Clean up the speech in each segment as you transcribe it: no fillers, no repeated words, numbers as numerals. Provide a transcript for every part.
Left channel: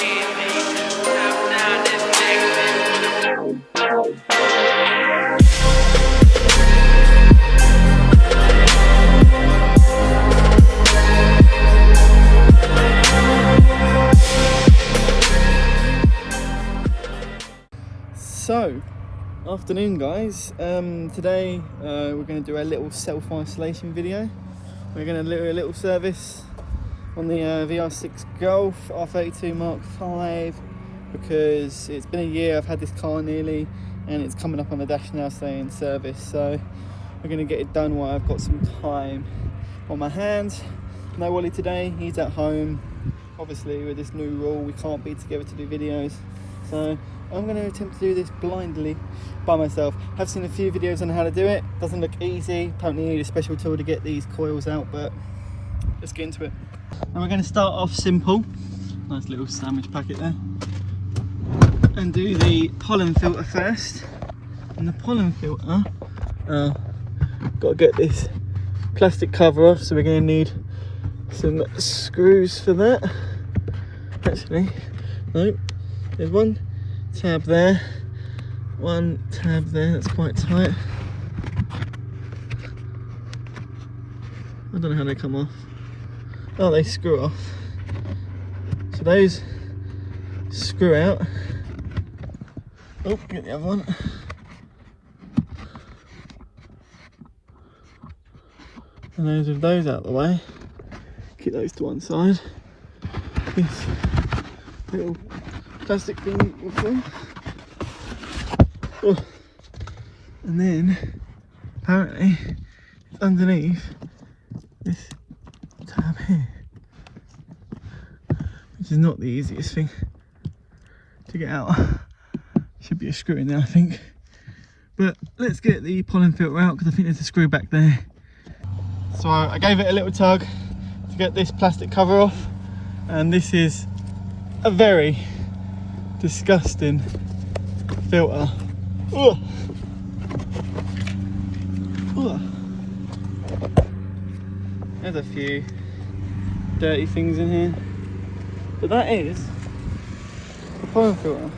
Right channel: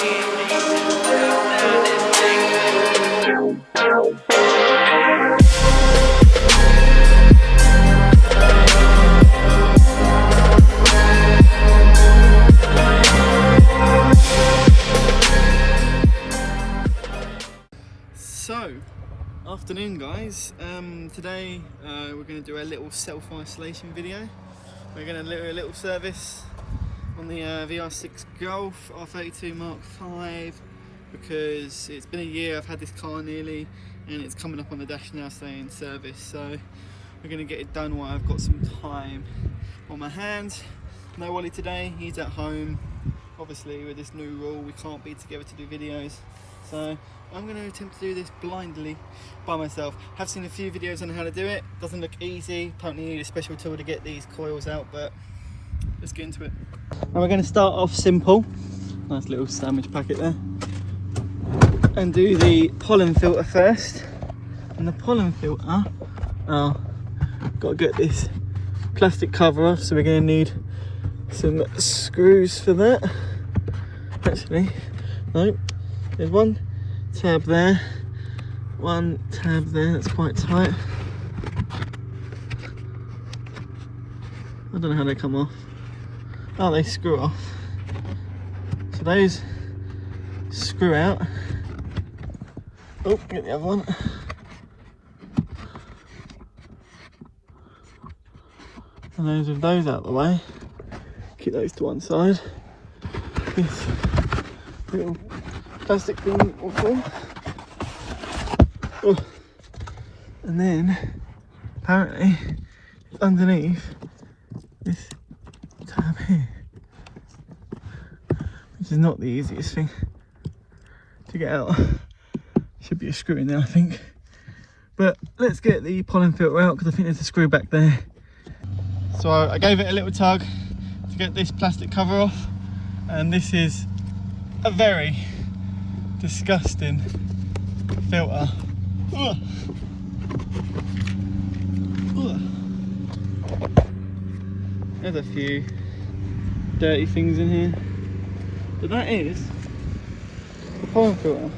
So, afternoon guys, today we're going to do a little self-isolation video. We're going to do a little service on the VR6 Golf R32 Mark 5 because it's been a year I've had this car nearly and it's coming up on the dash now saying service, so we're going to get it done while I've got some time on my hands. No Wally today, he's at home. Obviously with this new rule we can't be together to do videos, so I'm going to attempt to do this blindly by myself. I've seen a few videos on how to do it. Doesn't look easy. Apparently you need a special tool to get these coils out, but let's get into it. And we're going to start off simple. Nice little sandwich packet there. And do the pollen filter first. And the pollen filter, got to get this plastic cover off, so we're going to need some screws for that. Actually, no, there's one tab there, one tab there, that's quite tight. I don't know how they come off. Oh, they screw off. So those screw out. Oh, get the other one. And those out of the way. Keep those to one side. Little plastic thing will come. And then apparently underneath this tab here, which is not the easiest thing to get out. Should be a screw in there, I think. But let's get the pollen filter out because I think there's a screw back there. So I gave it a little tug to get this plastic cover off, and this is a very disgusting filter. Ugh. Ugh. There's a few dirty things in here, but that is a pollen filter.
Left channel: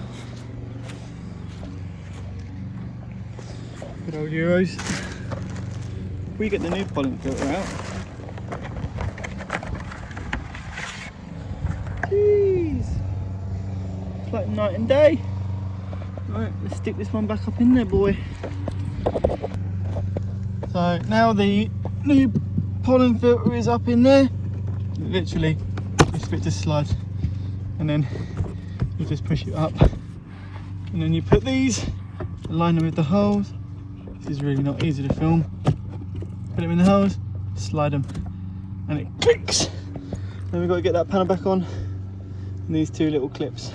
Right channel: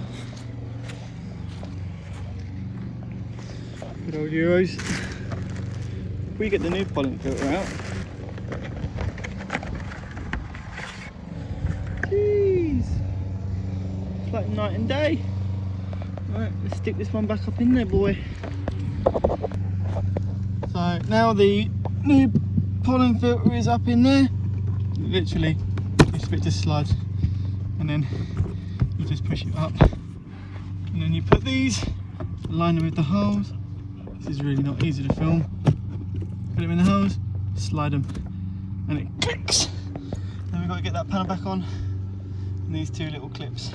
Good old Euros. We get the new pollen filter out. Jeez, it's like night and day. Right, let's stick this one back up in there, boy. So now the new pollen filter is up in there. Literally, this bit just slides, and then you just push it up, and then you put these, align them with the holes. This is really not easy to film. Put them in the holes, slide them, and it clicks. Then we've got to get that panel back on, and these two little clips.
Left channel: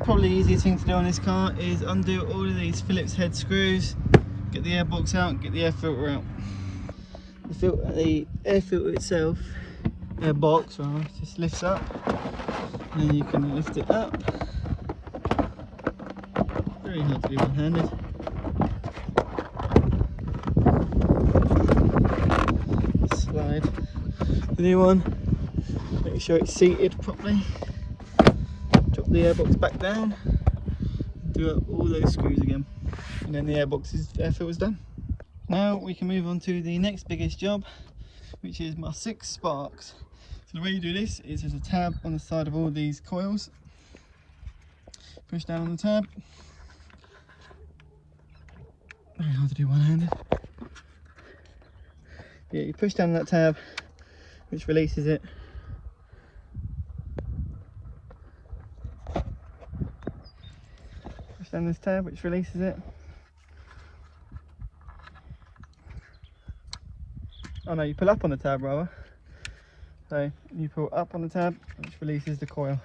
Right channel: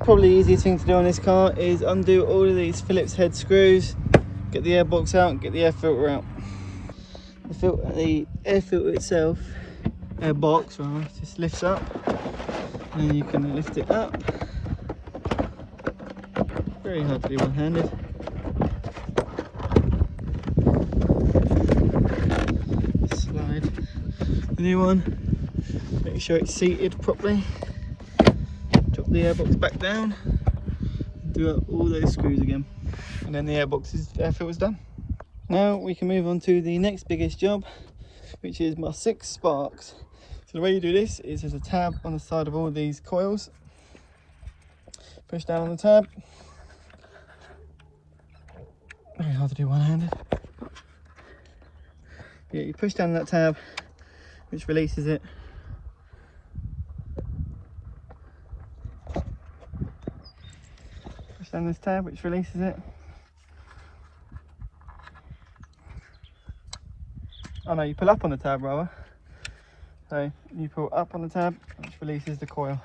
Probably the easiest thing to do on this car is undo all of these Phillips head screws, get the air box out, and get the air filter out. The air filter itself, air box, just lifts up, and then you can lift it up. Very hard to do one-handed. Slide the new one, make sure it's seated properly. Drop the airbox back down, do up all those screws again, and then the air filter's done. Now we can move on to the next biggest job, which is my 6 sparks. So the way you do this is there's a tab on the side of all these coils. Push down on the tab. Very hard to do one-handed. Yeah, you push down on that tab, which releases it. Push down this tab, which releases it. Oh no, you pull up on the tab rather. So you pull up on the tab, which releases the coil.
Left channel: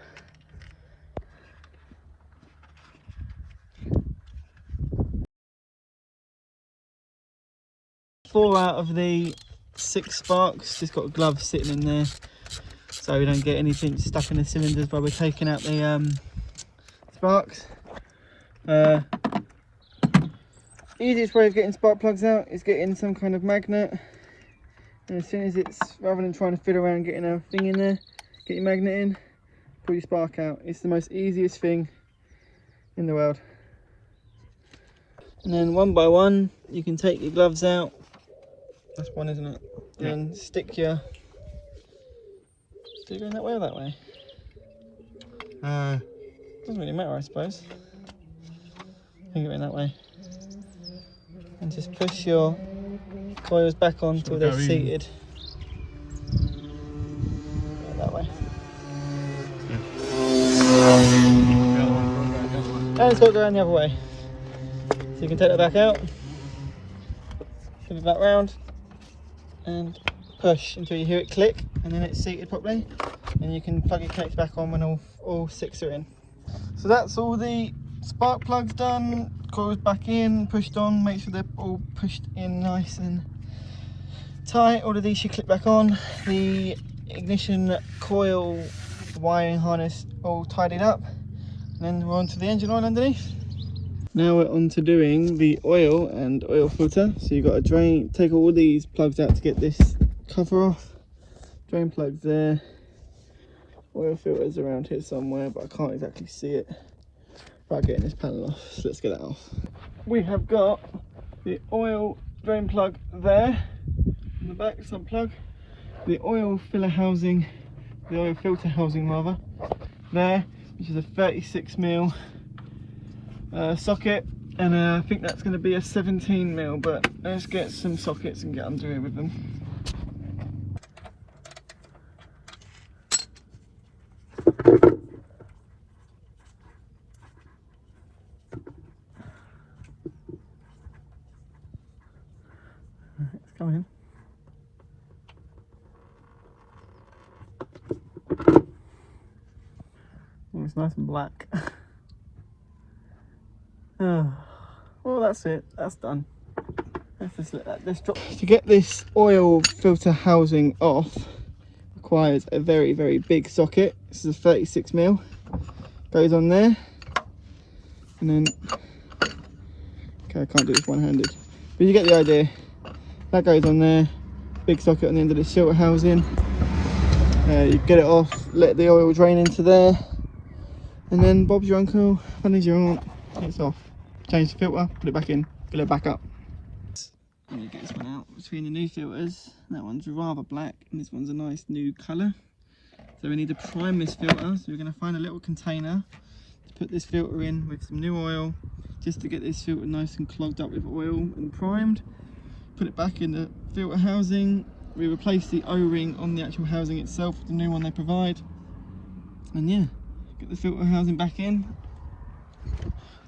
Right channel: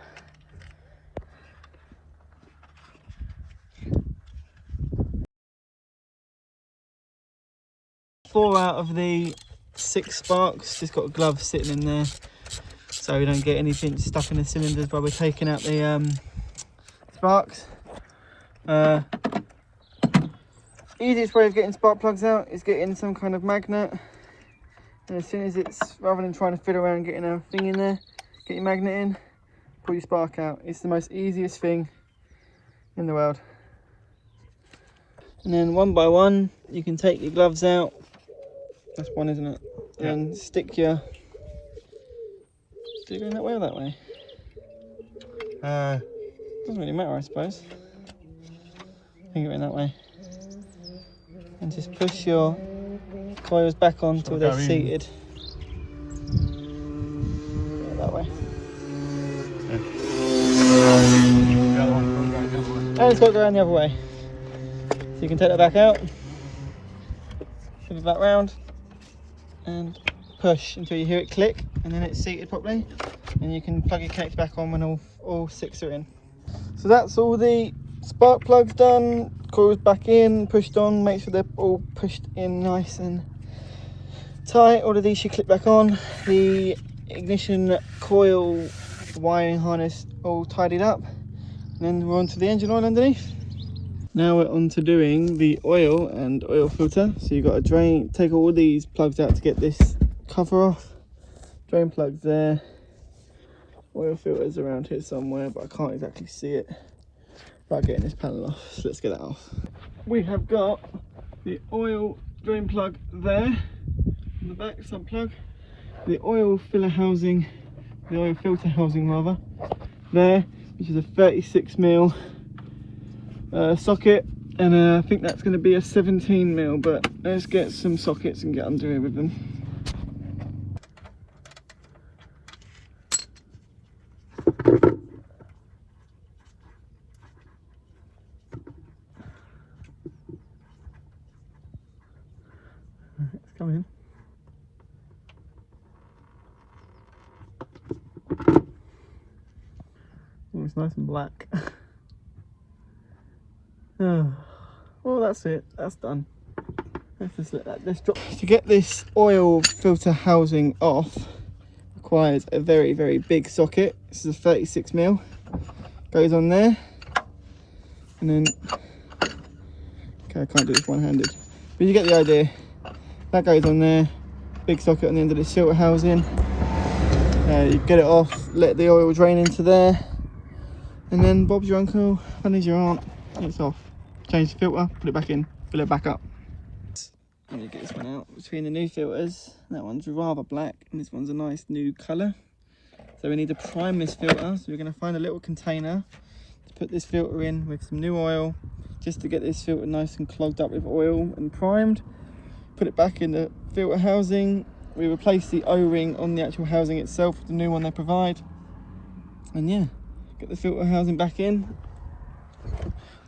Four out of the 6 sparks, just got a glove sitting in there so we don't get anything stuck in the cylinders while we're taking out the sparks. Easiest way of getting spark plugs out is getting some kind of magnet, and as soon as it's, rather than trying to fiddle around getting a thing in there, get your magnet in, pull your spark out. It's the most easiest thing in the world. And then one by one, you can take your gloves out. That's one, isn't it? And then stick your... Did it go that way or that way? Doesn't really matter, I suppose. I think it went that way. And just push your coils back on until they're seated. That way. And it's got to go around the other way. So you can take that back out, shift that round, and push until you hear it click, and then it's seated properly. And you can plug your connector back on when all 6 are in. So that's all the spark plugs done, coils back in, pushed on, make sure they're all pushed in nice and tight. All of these should click back on. The ignition coil wiring harness all tidied up. And then we're on to the engine oil underneath. Now we're on to doing the oil and oil filter. So you've got to drain, take all these plugs out to get this cover off. Drain plugs there. Oil filters around here somewhere, but I can't exactly see it without getting this panel off. So let's get that off. We have got the oil drain plug there, in the back, sub plug. The oil filler housing, the oil filter housing rather, there, which is a 36mm socket, and I think that's going to be a 17mm, but let's get some sockets and get under here with them. It's going. It's nice and black. Well, that's it. That's done. Let's just let that drop. To get this oil filter housing off requires a very, very big socket. This is a 36mm. Goes on there, and then okay, I can't do this one-handed, but you get the idea. That goes on there. Big socket on the end of this filter housing. You get it off, let the oil drain into there, and then Bob's your uncle, Honey's your aunt. It's off. Change the filter, put it back in, fill it back up. I'm going to get this one out between the new filters. That one's rather black and this one's a nice new colour. So we need to prime this filter. So we're going to find a little container to put this filter in with some new oil, just to get this filter nice and clogged up with oil and primed. Put it back in the filter housing. We replace the O-ring on the actual housing itself with the new one they provide. And yeah, get the filter housing back in.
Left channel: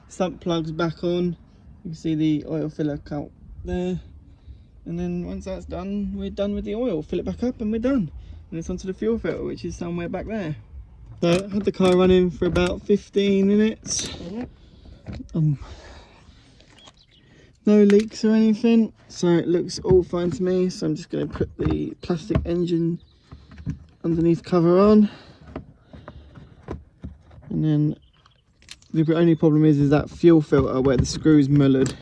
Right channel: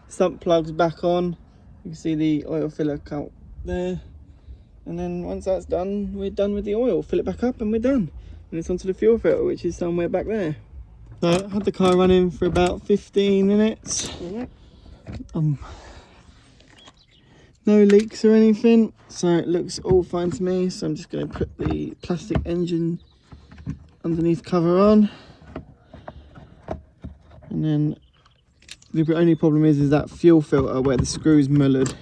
Sump plugs back on. You can see the oil filler cut there. And then once that's done, we're done with the oil. Fill it back up and we're done. And it's onto the fuel filter, which is somewhere back there. So I had the car running for about 15 minutes. No leaks or anything, so it looks all fine to me. So I'm just going to put the plastic engine underneath cover on. And then the only problem is that fuel filter where the screw's mullered.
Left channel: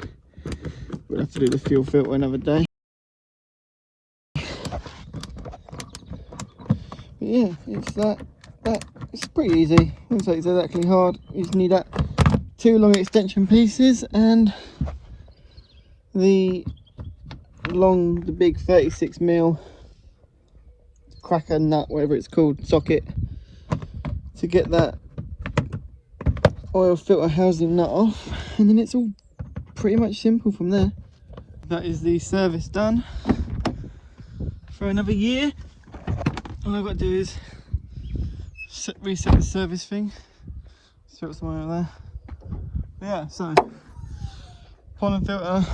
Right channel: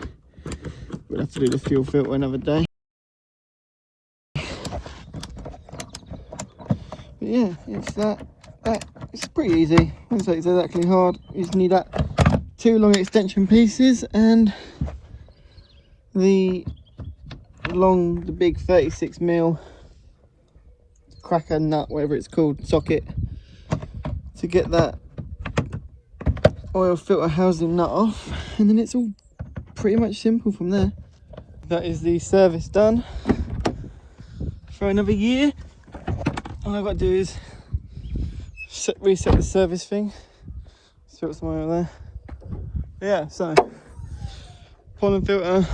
We'll have to do the fuel filter another day. But yeah, it's it's pretty easy. I wouldn't say it's exactly hard. You just need that 2 long extension pieces and the big 36mm cracker nut, whatever it's called, socket, to get that oil filter housing nut off, and then it's all pretty much simple from there. That is the service done for another year. All I've got to do is reset the service thing. See what's somewhere over there. Yeah, so pollen filter,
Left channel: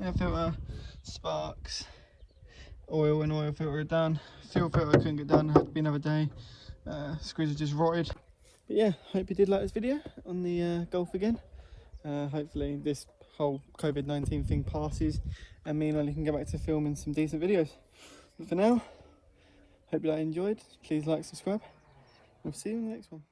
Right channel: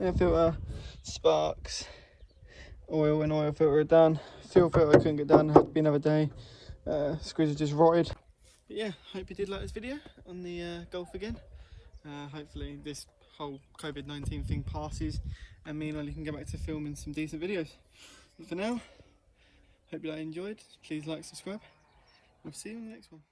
air filter, sparks, oil and oil filter are done. Fuel filter couldn't get done, had to be another day. Screws are just rotted. But yeah, hope you did like this video on the Golf again. Hopefully this whole COVID-19 thing passes and me and Ollie can go back to filming some decent videos. But for now, hope you enjoyed. Please like, subscribe. We'll see you in the next one.